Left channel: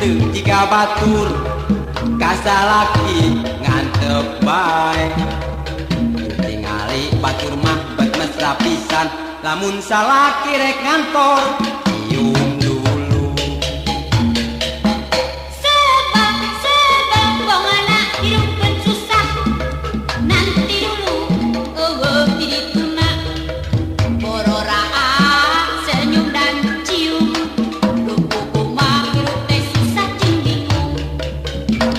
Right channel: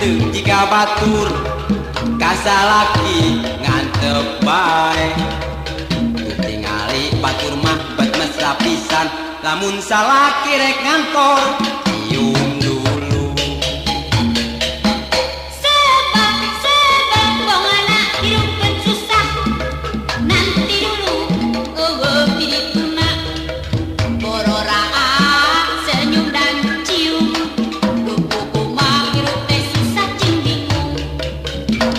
teu jika batur kasalaki ngantep bae tingali batur mah bet mesra pisan lamun salaki rek ngantor cium dulu sebab bongana hidupkeun susah nanti dulu eueuh dituna bororaa senyum dan cium kuku mah hirup teh susah cing bingung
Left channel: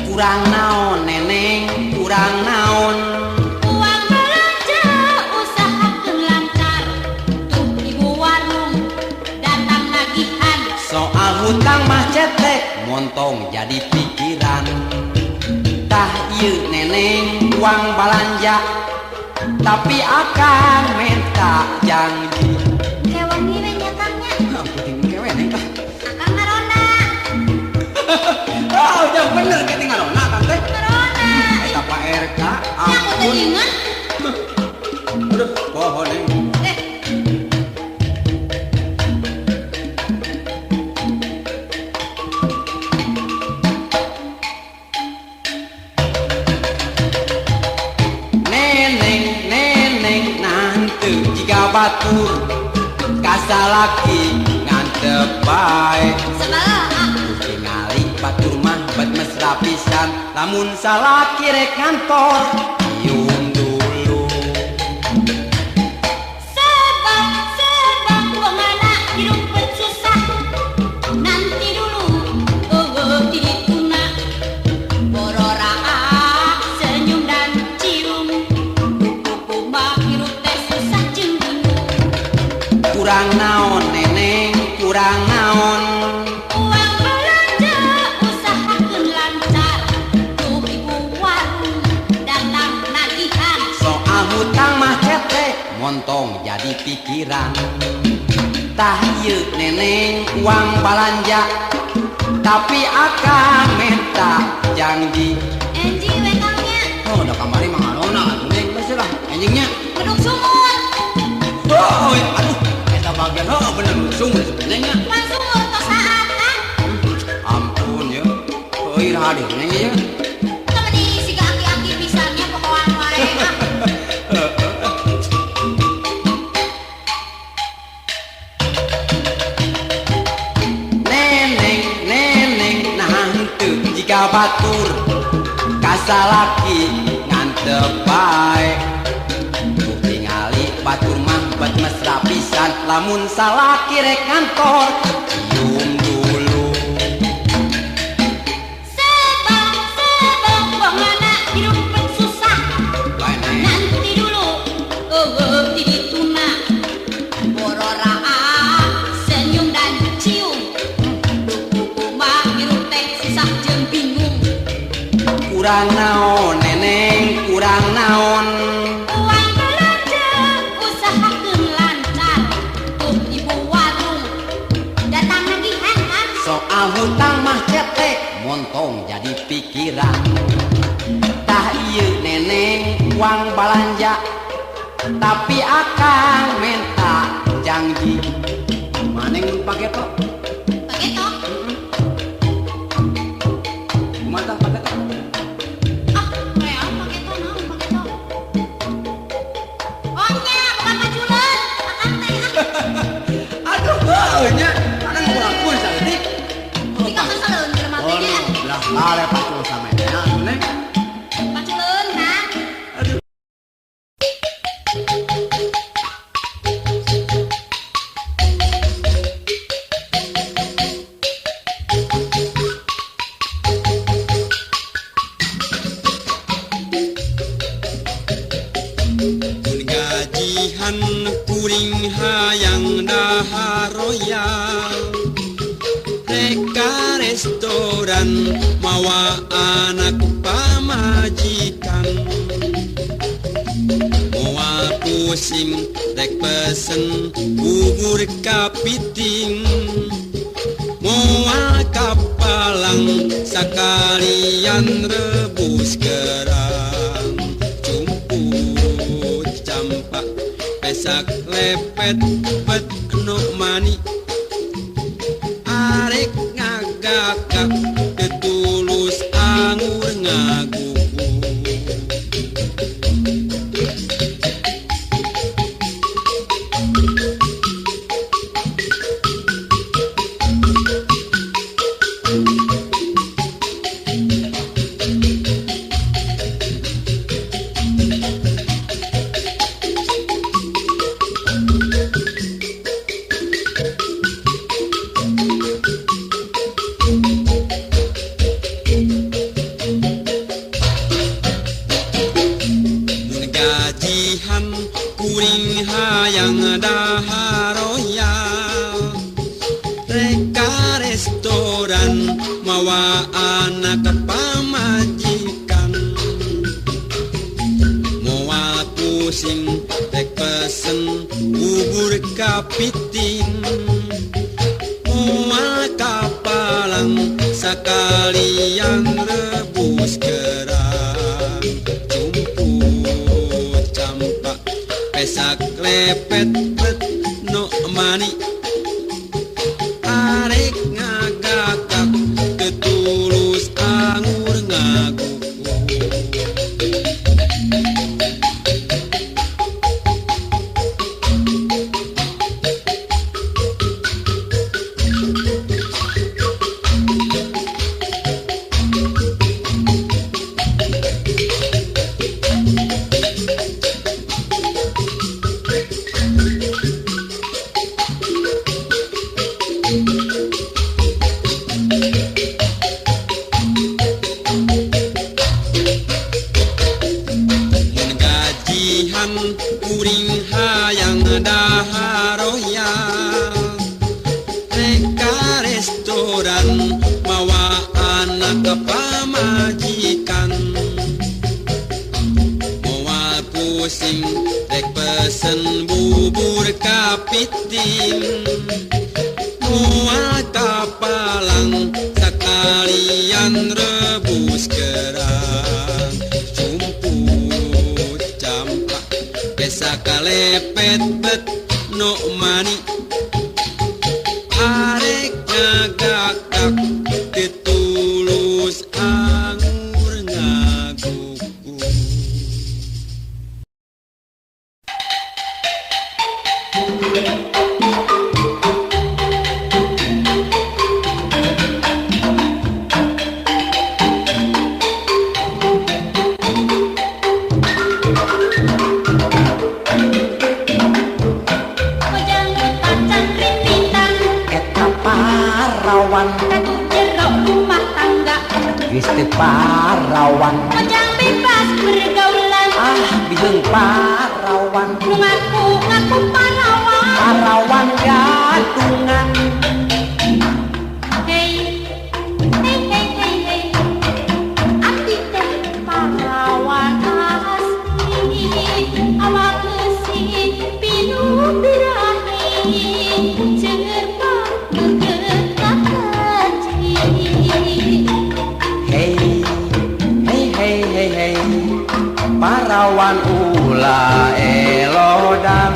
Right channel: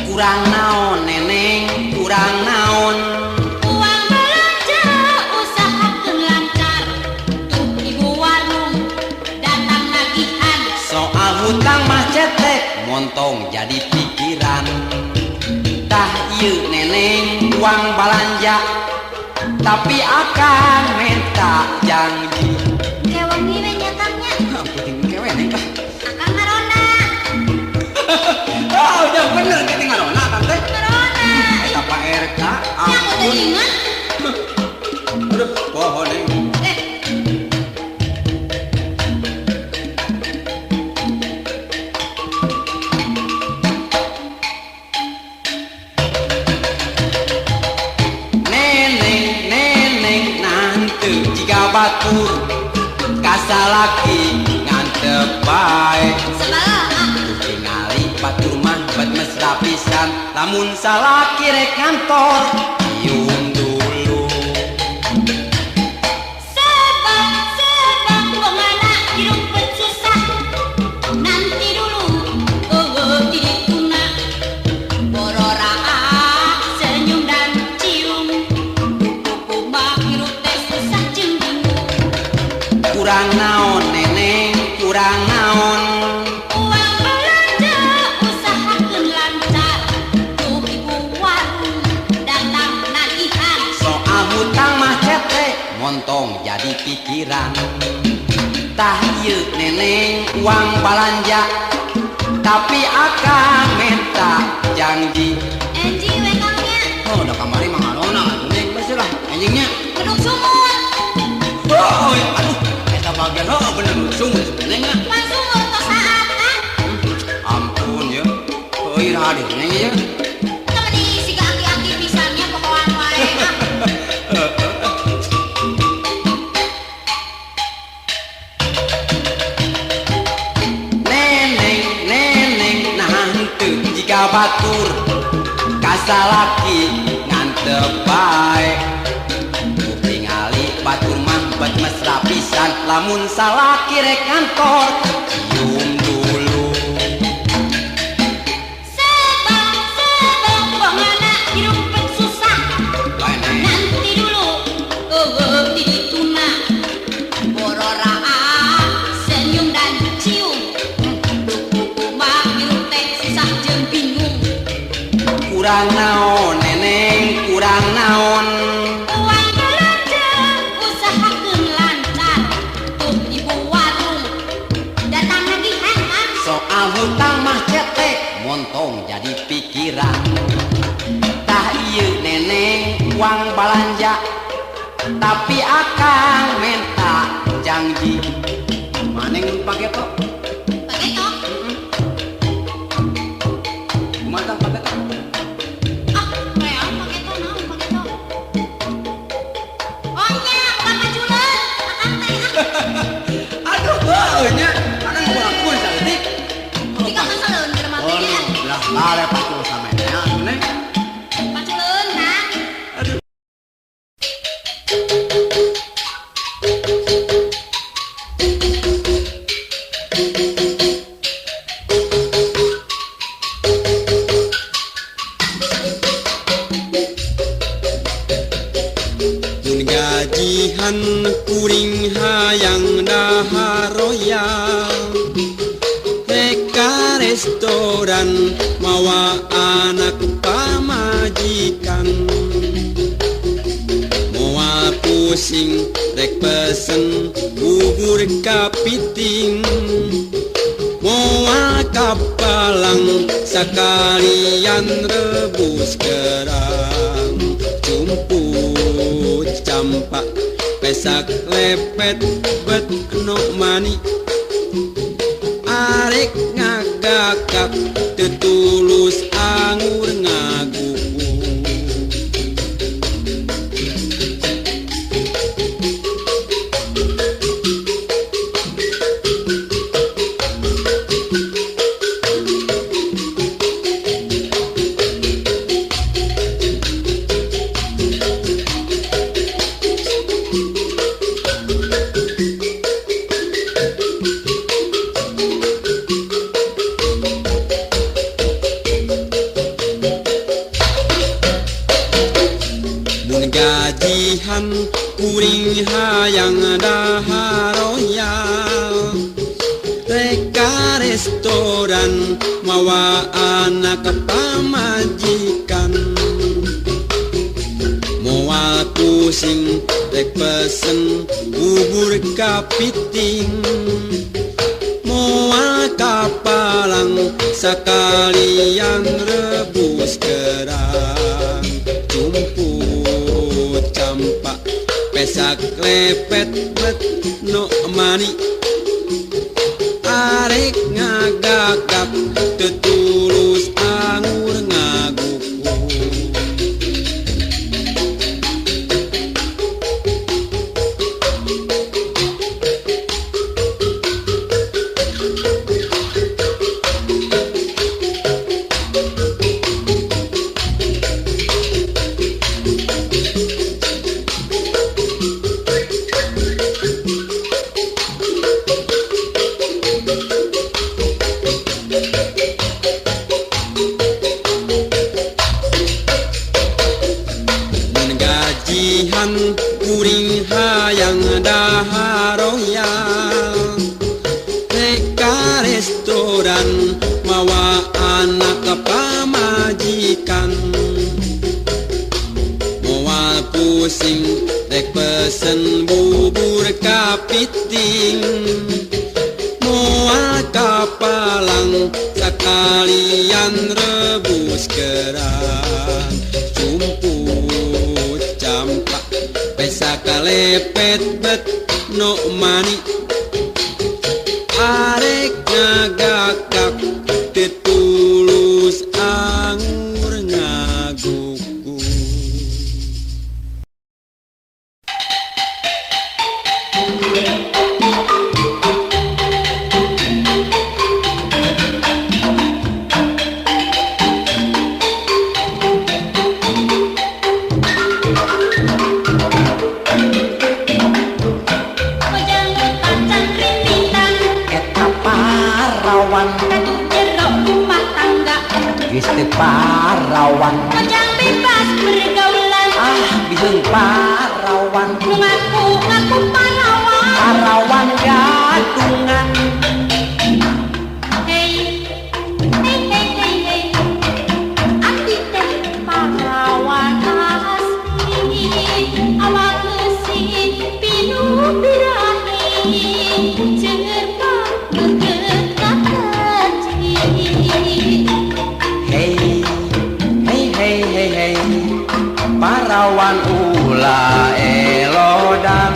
kurang naon neneng kurang naon uang belanja usahakeun lancar tuh ibu warung datang nagihan soal hutang mah cetek montong jadi pikiran tah ieu neneng uang balanja tapi akan minta janji kewangi we nyatamnya puting kewe neng tah akan ngarona oh udah bener keting ngarona kan teh ngarona eta Pak RK aku ampun teringat aduh pohon ini neneng nanti jika batur kasalaki ngantep bae sebalah tingali batur mah bet mesra pisan lamun salaki rek ngantor cium dulu sebab bongana hidupkeun susah nanti dulu eueuh dituna bororaa senyum dan cium kuku mah hirup teh susah cing bingung kurang naon neneng kurang naon uang belanja usahakeun lancar tuh ibu warung datang nagihan soal hutang mah cetek montong jadi pikiran tah ieu neneng uang balanja tapi akan minta janji enji we kangnya oh udah kamari mah ngarona neneng basulah anjingnya duduk sumur oh aduh eta bagian oh bener sungguh sebenarnya langsung kesahat kan ampun ya oh iya aduh neng ya temani si aki-aki pisannya pohoan wae neneng nanti jika batur kasalaki ngantep bae tingali batur mah bet mesra pisan lamun salaki rek ngantor cium dulu sebab bongana hidupkeun susah nanti dulu eueuh dituna bororaa senyum dan cium kuku mah hirup teh susah jeung bingung kurang naon neneng kurang naon uang belanja usahakeun lancar tuh ibu warung datang nagihan kan soal hutang mah cetek montong jadi pikiran tah ieu neneng uang balanja tapi akan minta janji maneng pake tok pakai tok kumaha pake tok ah real pakai tok naon pakai tok ongnya bukan majuleun makan teh aduh nya maneng ngelakuin saeutik kita masalun di rumah oh teh lah ada patuh sama nya neng majuleun kan mun gajihan kuring hayang daharoyal reka restoran mawa anak pamajikan moal pusing rek pesen bubur kapiting moal kapalang sakalian rebus kerang cumput campak pesak lepet bet no mani arek ngagakak restoran mawa anak pamajikan moal pusing rek pesen bubur kapiting moal kapalang sakalian rebus kerang cumput campak pesak lepet bet no mani arek ngagagap ketulus anggur ngaguku kuring hayang daharoyang reka restoran mawa anak pamajikan moal pusing rek pesen bubur kapiting moal kapalang sakalian rebus kerang cumput campak sakalepet bet no mani arek ngagakak tetulus anggur ngaguku Gusti Parawan Ojang bebas bergaulan bisin parawan Ngaku pahlawan parawan gatungan Hey, hey, hey, hey, hey Abdi teh pahlawan asli Awak mesin pilu birahi Segerta bergetak haji hey hey hey hey hey parawan ulah elodan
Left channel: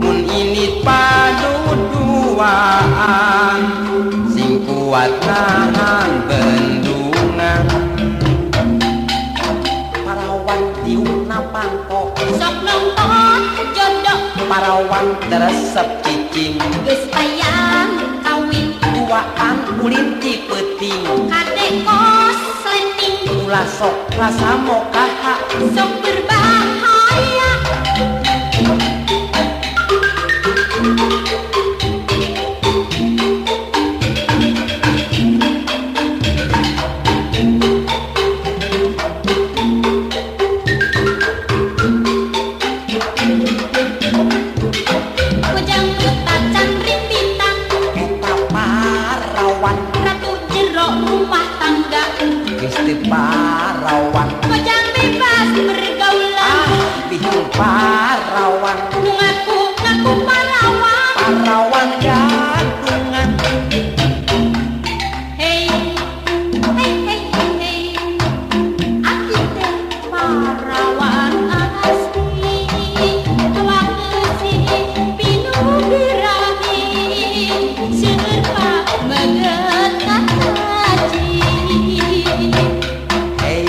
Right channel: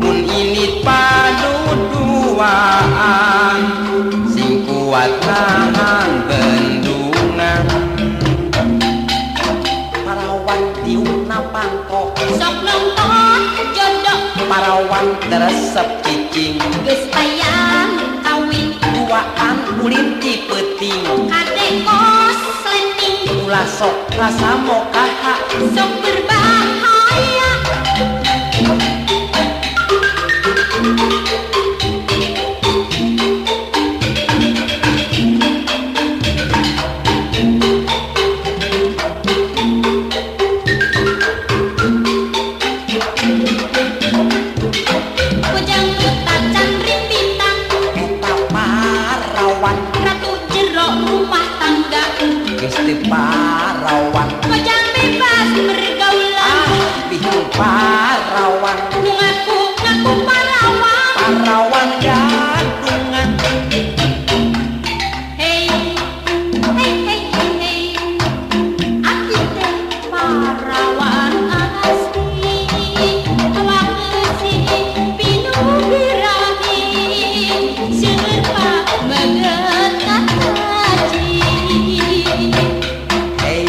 mun ini paduduaan sing kuat nahan bendungan parawan diuna pangko Sok nonton jodoh parawan teresep cicing Geus ayam kawin duaan ulin ti peuting Kade kos leting ulah sok rasa mokaha Sok berbahaya Ujang hutan cangkring bintang eta parawan Ratu jeruk rumah tangga Gusti Parawan Ujang bebas bergaulan bikin parawan Ngaku pahlawan parawan gadungan Hey, hey, hey, hey, hey Abdi teh pahlawan asli Awak mesin pilu birahi Segerta bergetak haji hey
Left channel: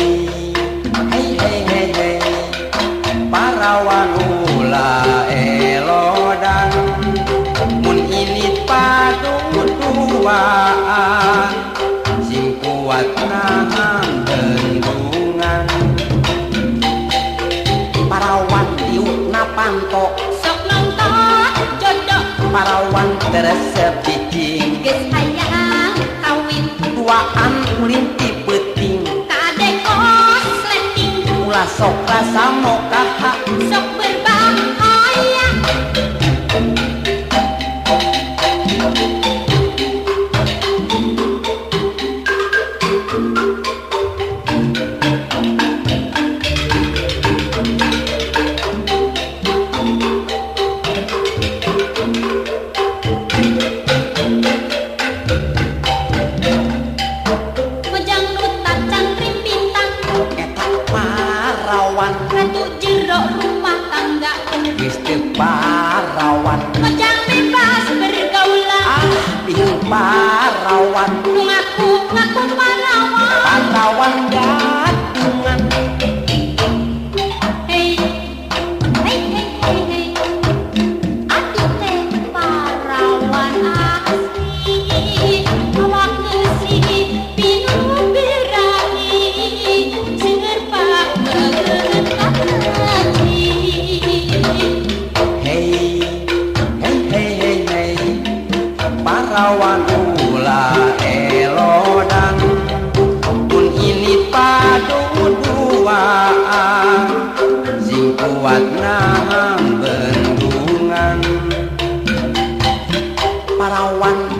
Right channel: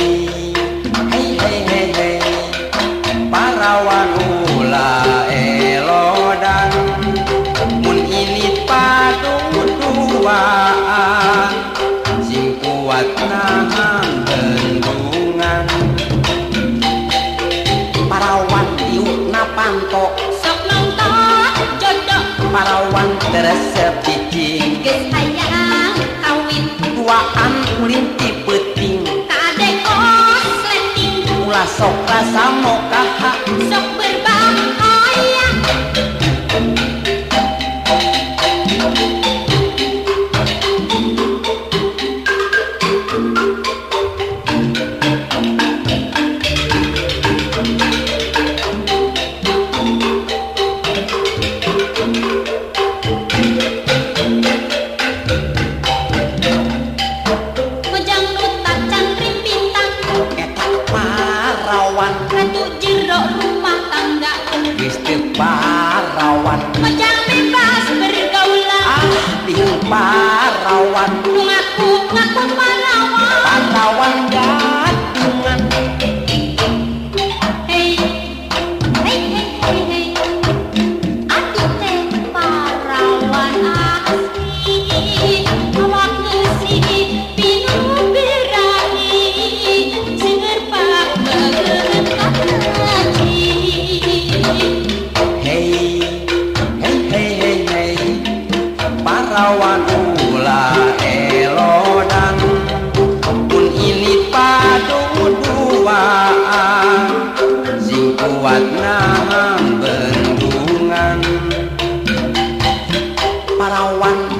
hey hey hey hey parawan ulah elodan mun ini paduduaan sing kuat nahan bendungan parawan diuna panto Sok nonton jodoh parawan teresep cicing Geus hayang kawin duaan ulin ti peuting Kade kos leting ulah sok rasa mokaha Sok berbahaya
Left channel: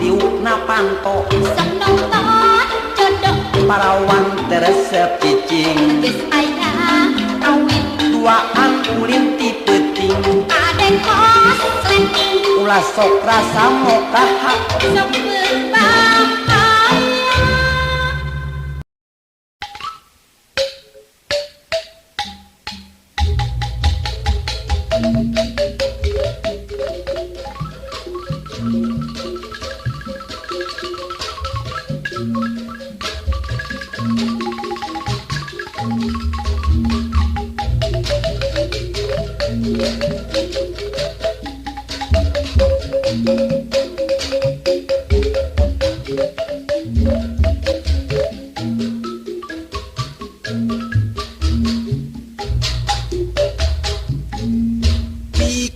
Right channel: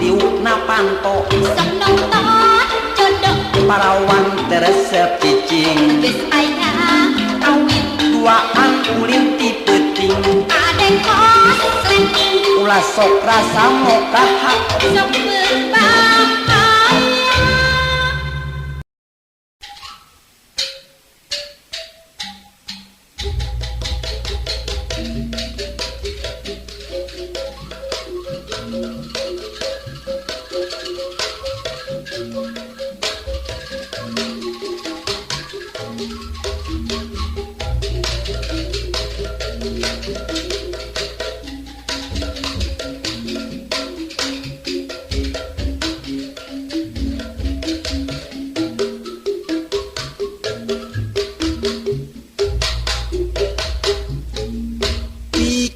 diukna panto Seneng tot jodoh parawan teresep cicing geus aya awit duaan ulin ti peuting aden kos lenting ulah sok rasa mokaha sok berbahaya.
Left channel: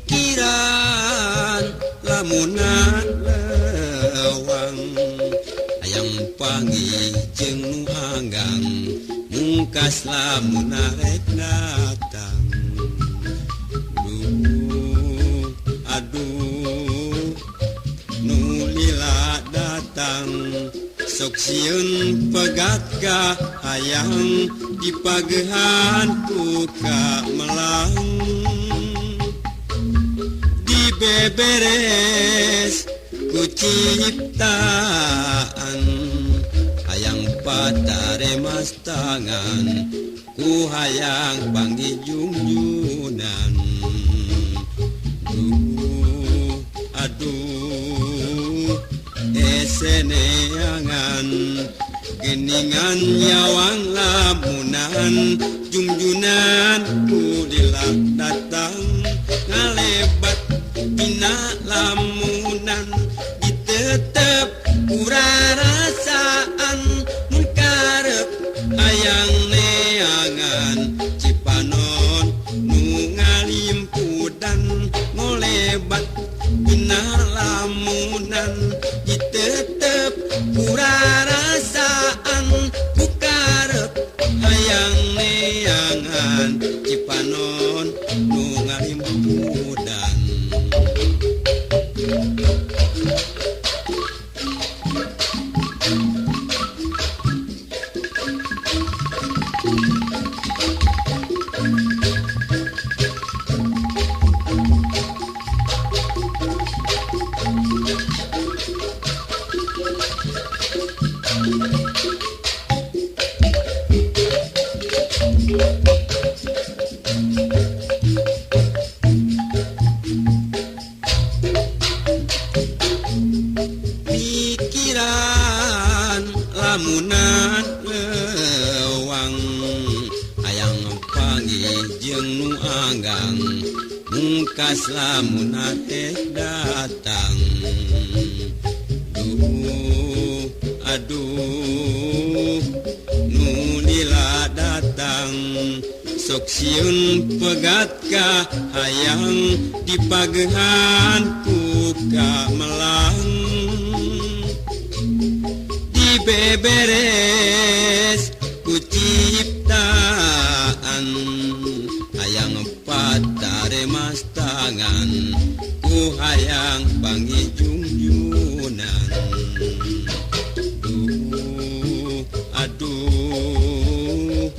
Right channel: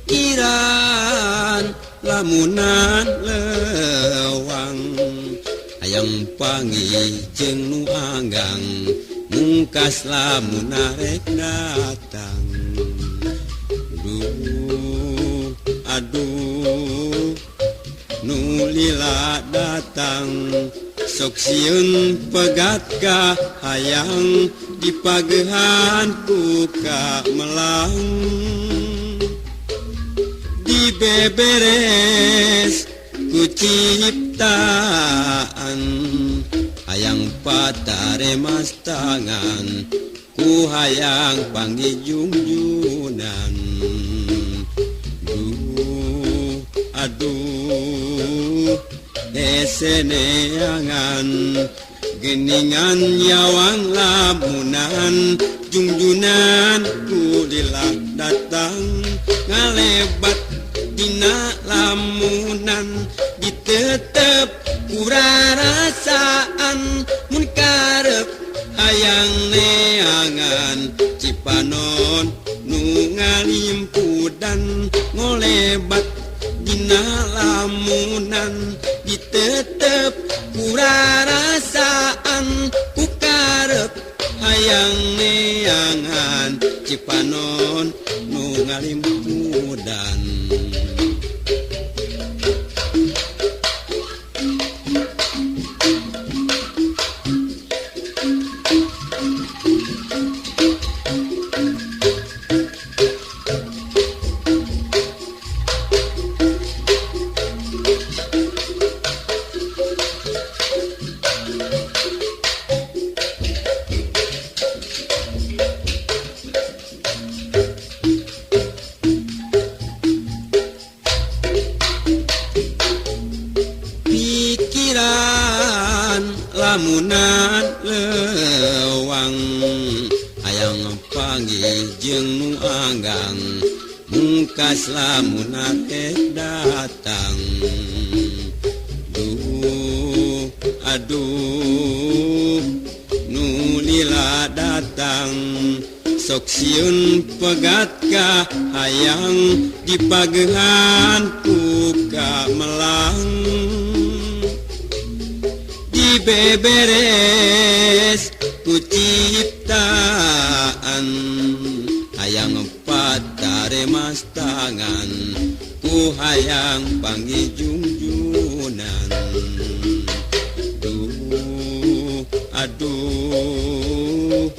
pikiran lamunan lewang hayang panggih jeung nu anggang mungkas lamun arek datang duh aduh nu lila datang sok sieun pegat ka hayang dipagehan puka melang dibeberes ku ciptaan hayang patare mas tangan ku hayang panggijunjunan duh aduh eseneangan geningan yawang lamunan junjunan kudilah datang ngalebat dina lamunan ditetep kurarasaan mun karep hayang neangan cipanon nu ngalimpudan ngolebat dina lamunan ditetep kurarasaan ku karep hayang neangan cipanon nu ngalimpudan lamunan lewang hayang panggih jeung nu anggang mungkas lamun arek datang duh aduh nu lila datang sok sieun pegat ka hayang dipagehan puka melang beberes ku ciptaan hayang patare mas tangan ku hayang panggijunjunan duh aduh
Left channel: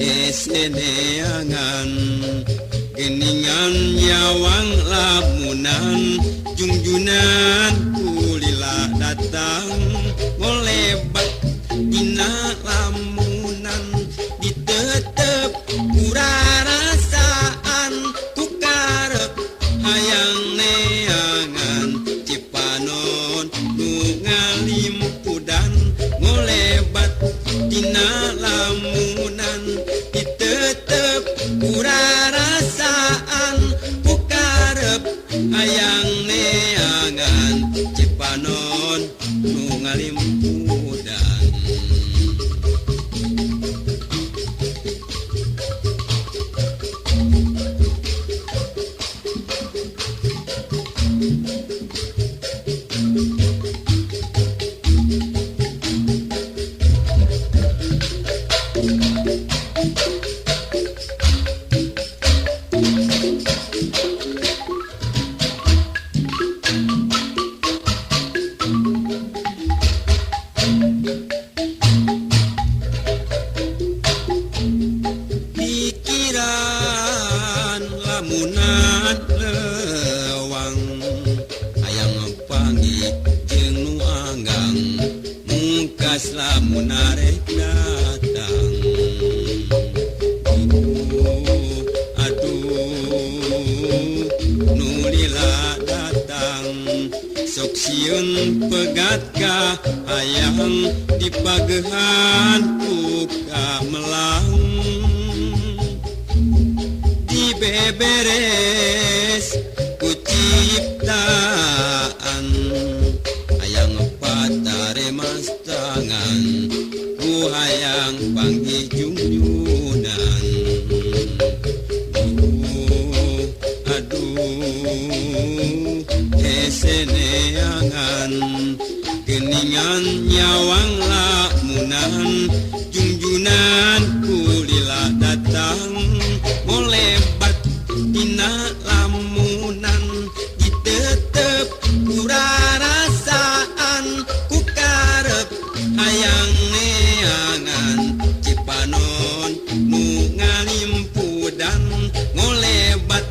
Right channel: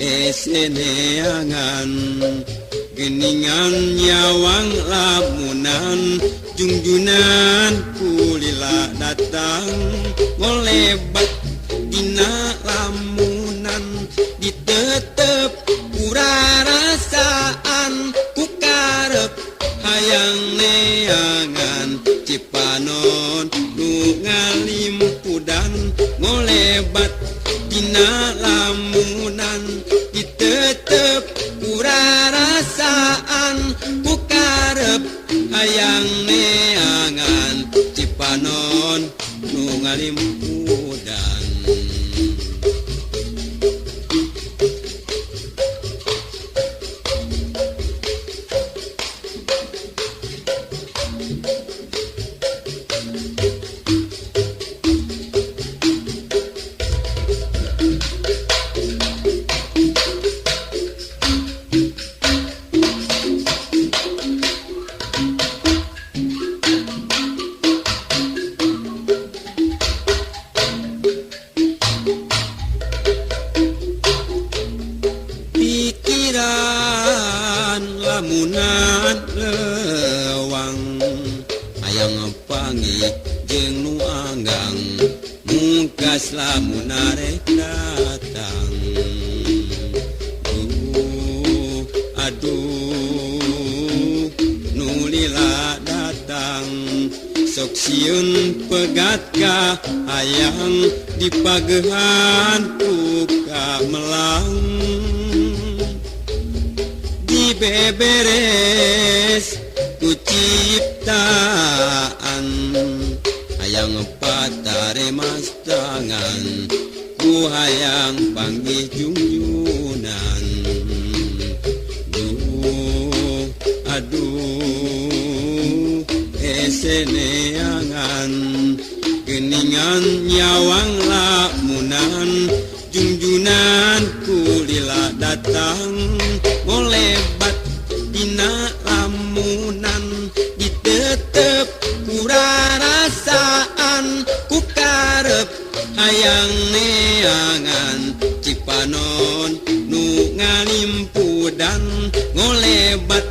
eseneangan geningan yawang lamunan junjunan kulila datang ngolebat dina lamunan ditetep kurarasaan ku karep hayang neangan cipanon nu ngalimpudan ngolebat dina lamunan ditetep kurarasaan ku karep hayang neangan cipanon nu ngalimpudan manggang mungkas lamun arek datang. Aduh nulila datang sok sieun pegat ka hayang dipagehan puka melang dibeberes ku ciptaan hayang patare mas tangan ku hayang panggijungyunan. Aduh eseneangan geningan nyawang lamunan junjunan kulila datang molebat dina lamunan ditetep kurarasaan ku karep hayang neangan cipanon nu ngalimpudan ngolebat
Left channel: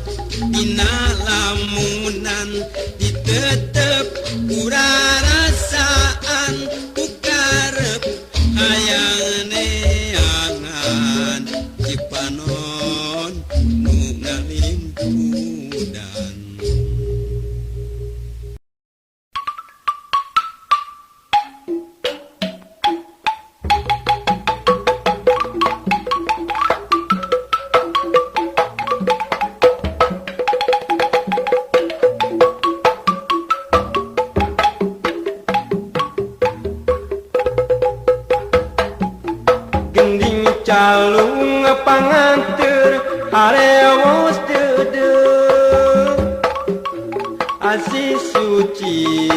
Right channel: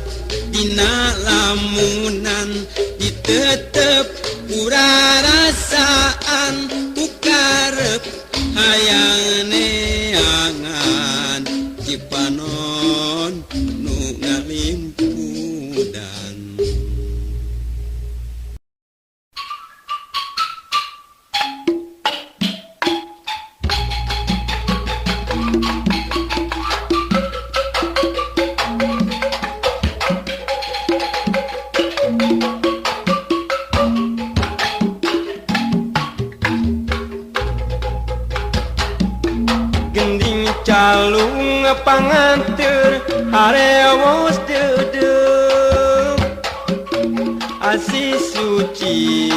dina lamunan ditetep kurarasaan ku karep hayang neangan cipanon nu ngalimpudan. Gending calung panganteur harewos deudeuh asi suci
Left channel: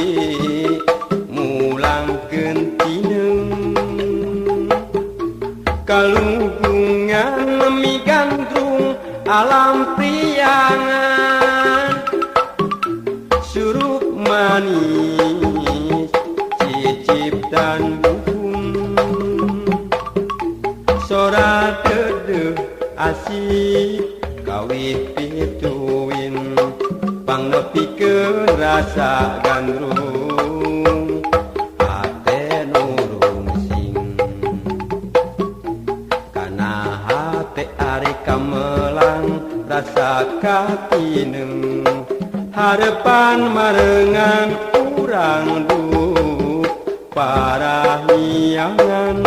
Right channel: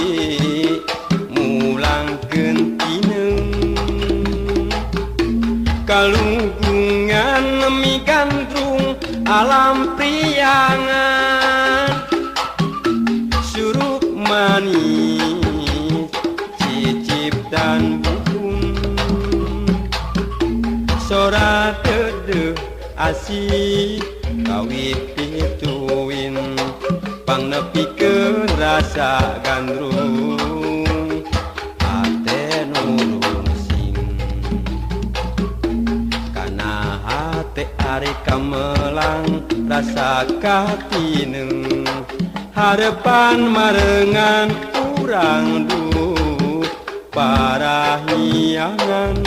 mulangkeun tineung kalungkungan migandrung alam priangan surup manis cicip dan sora deudeuh asih kawit pituin pangnepikeun rasa gandrung hate nurung sing kana hate ari kamelang rasa katineng harepan marengan urang duh parahiangan.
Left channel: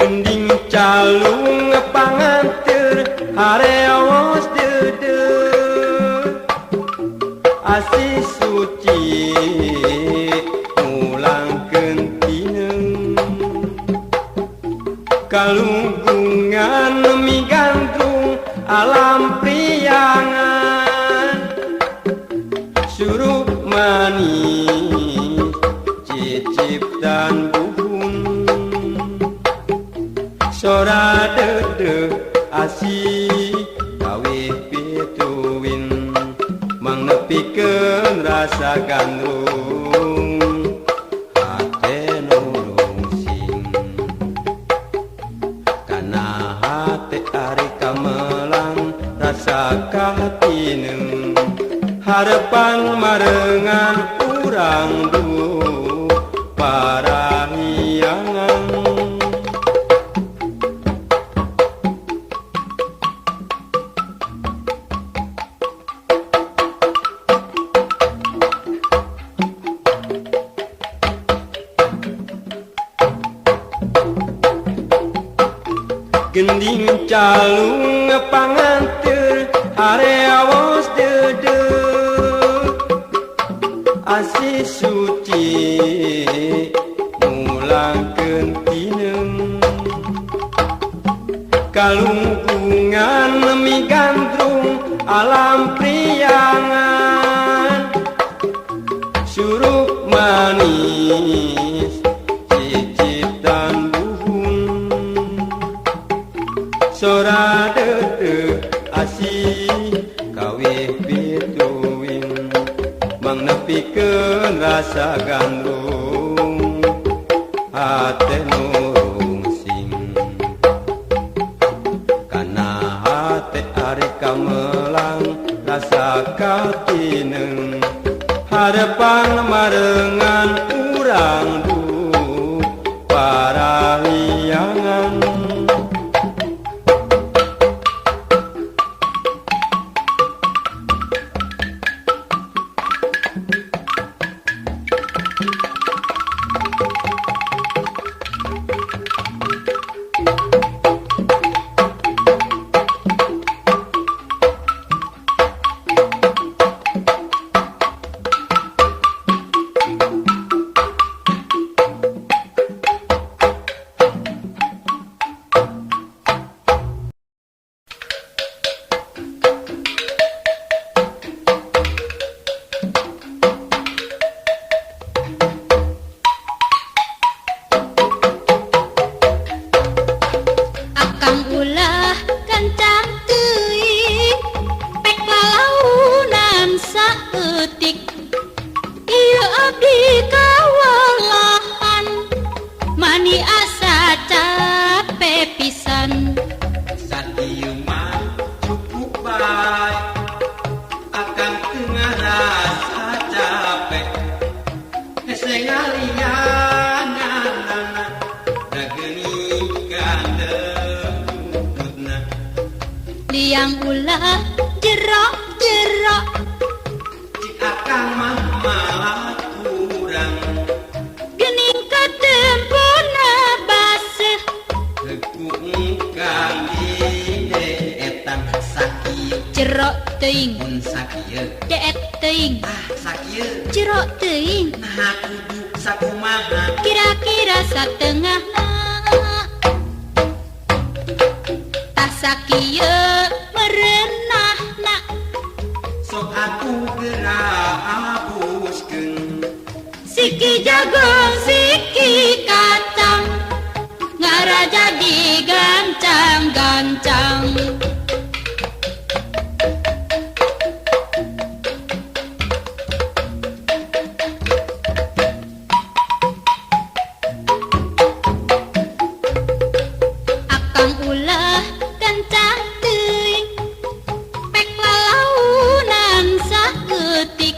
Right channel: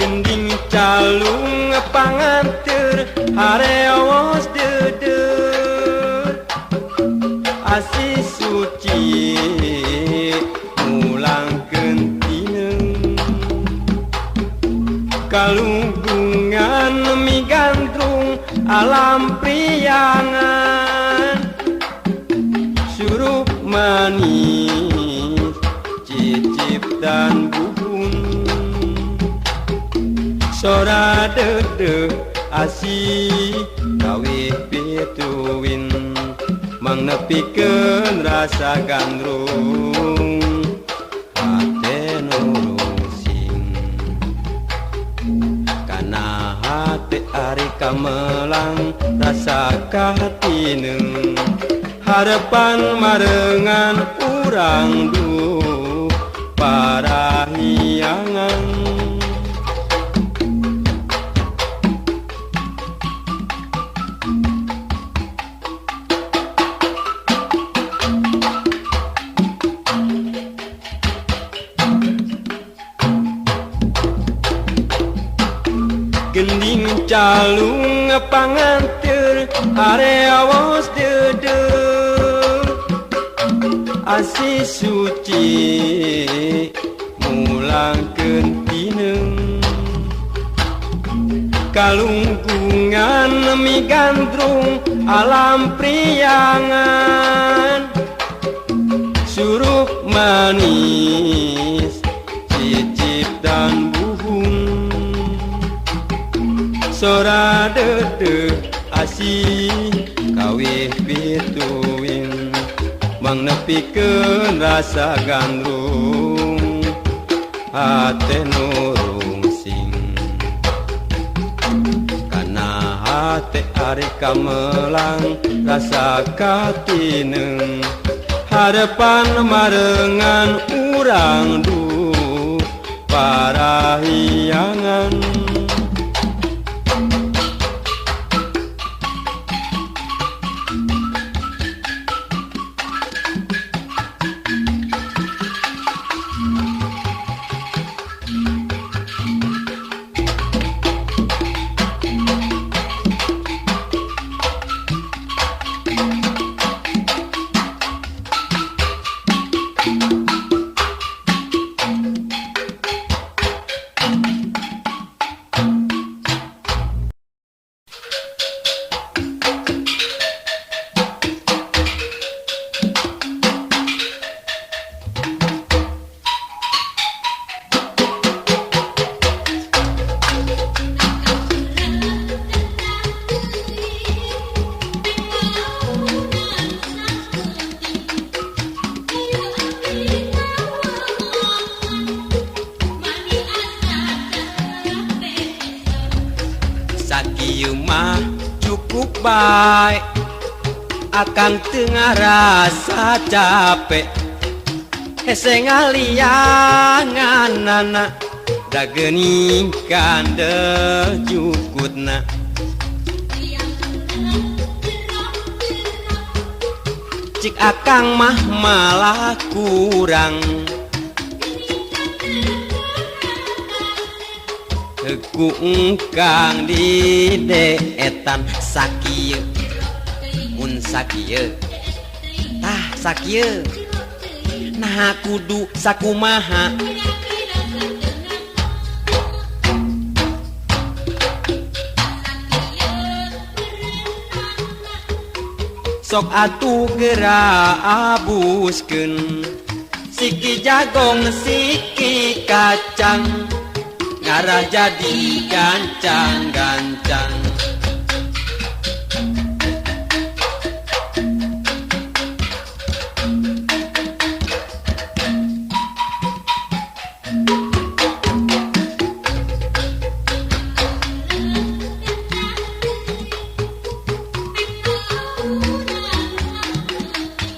Gending calung panganteur harewos deudeuh asih suci mulangkeun tineung kalungkungan migandrung alam priangan surup manis cicip dan buhun sora deudeuh asih kawit pituin mangepikeun rasa gandrung hate nurung sing kana hate ari kamelang rasa katineng harepan marengan urang duh parahiangan. Gending calung panganteur harewos deudeuh asih suci mulangkeun tineung kalungkungan migandrung alam priangan surup manis cicip dan buhung sora dedeg asih kawih pituing mang nepikeun rasa gandrung hate nurung sing kana hate ari kamelang rasa katineng harapan marengan urang du parahiangan Akang ulah gancang teuing pek lalaunan saeutik ieu abdi kawalahan mani asa capek pisan sakieu mah cukup bae akang teu ngarasa capek hese ngalianganana da geuning kandeh jukutna liang ulah jero-jero cik akang mah malah kurang geuning katempuna baseuh heku engkang di deetan sakieu jero teuing mun sakieu deet teuing sakieu jero teuing nah kudu sakumaha kira-kira satengah tak sakieu merenahna sok atuh geura abuskeun siki jagong siki kacang ngaraja digancang-gancang akang ulah gancang teuing pek lalaunan saeutik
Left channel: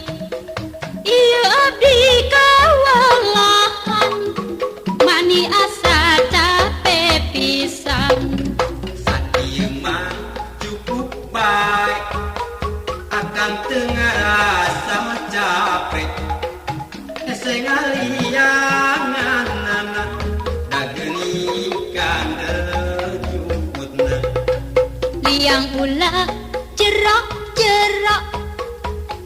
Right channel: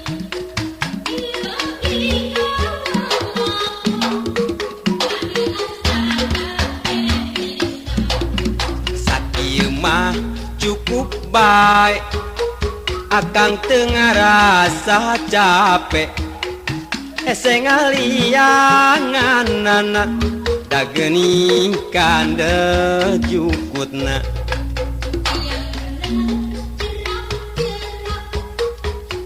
ieu abdi kawalahan mani asa capek pisan sakieu mah cukup bae akang teu ngarasa capek hese ngalianganana da geuning kandeh jukutna liang ulah jero-jero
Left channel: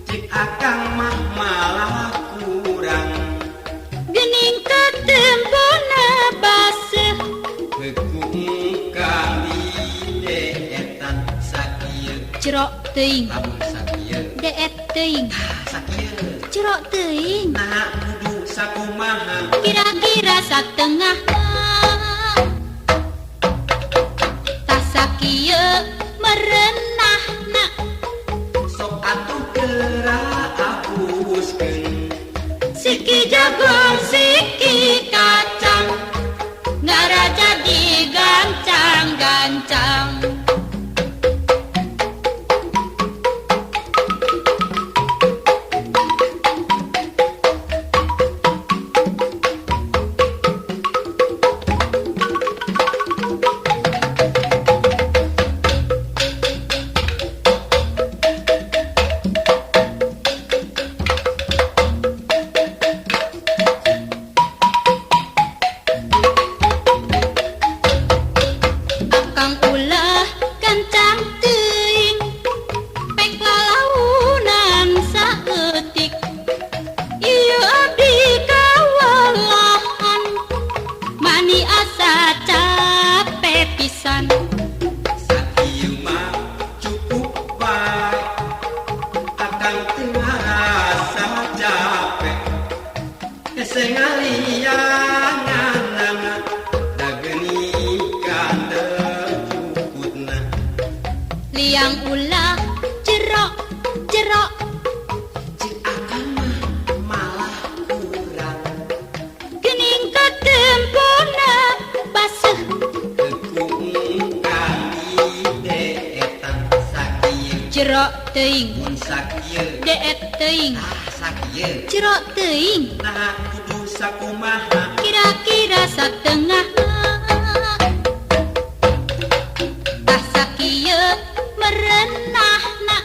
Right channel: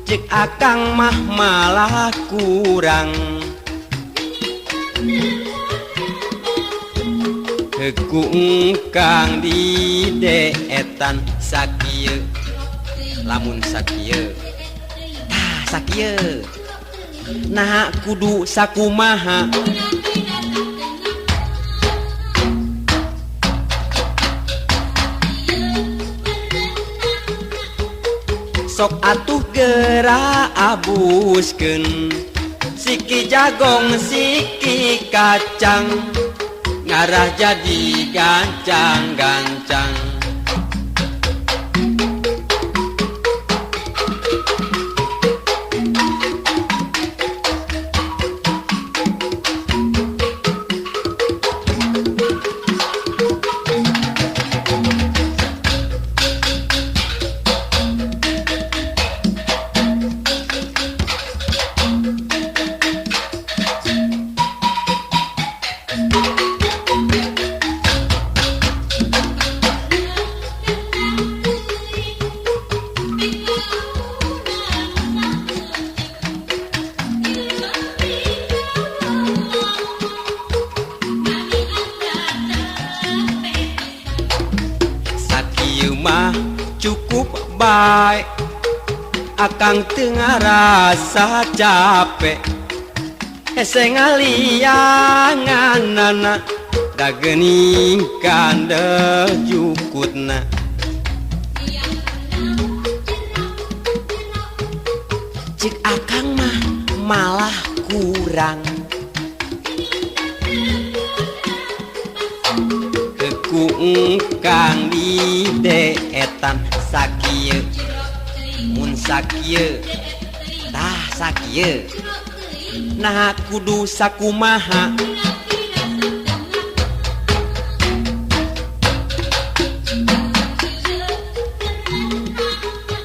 cik akang mah malah kurang geuning katempuna baseuh heku engkang di deetan sakieu jero teuing lamun sakieu deet teuing sakieu jero teuing nah kudu sakumaha kira-kira satengah tak sakieu merenahna sok atuh geura abuskeun siki jagong siki kacang ngaraja digancang-gancang akang teu ngarasa capek ese ngalianganana da geuning kandeh jukutna liang ulah jerok jerok cik akang mah malah kurang geuning katempona basah kang di deetan sakieu jerok teuing mun sakieu deet teuing tah sakieu jerok teuing nah kudu sakumaha kira-kira satengah tah sakieu merenahna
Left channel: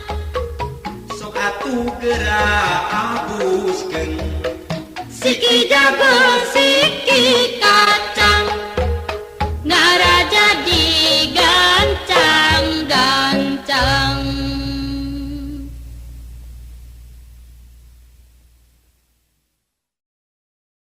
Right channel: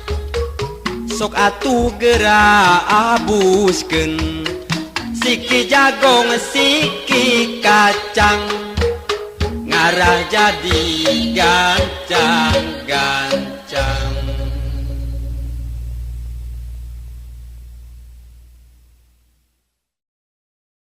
sok atuh geura abuskeun siki jagong siki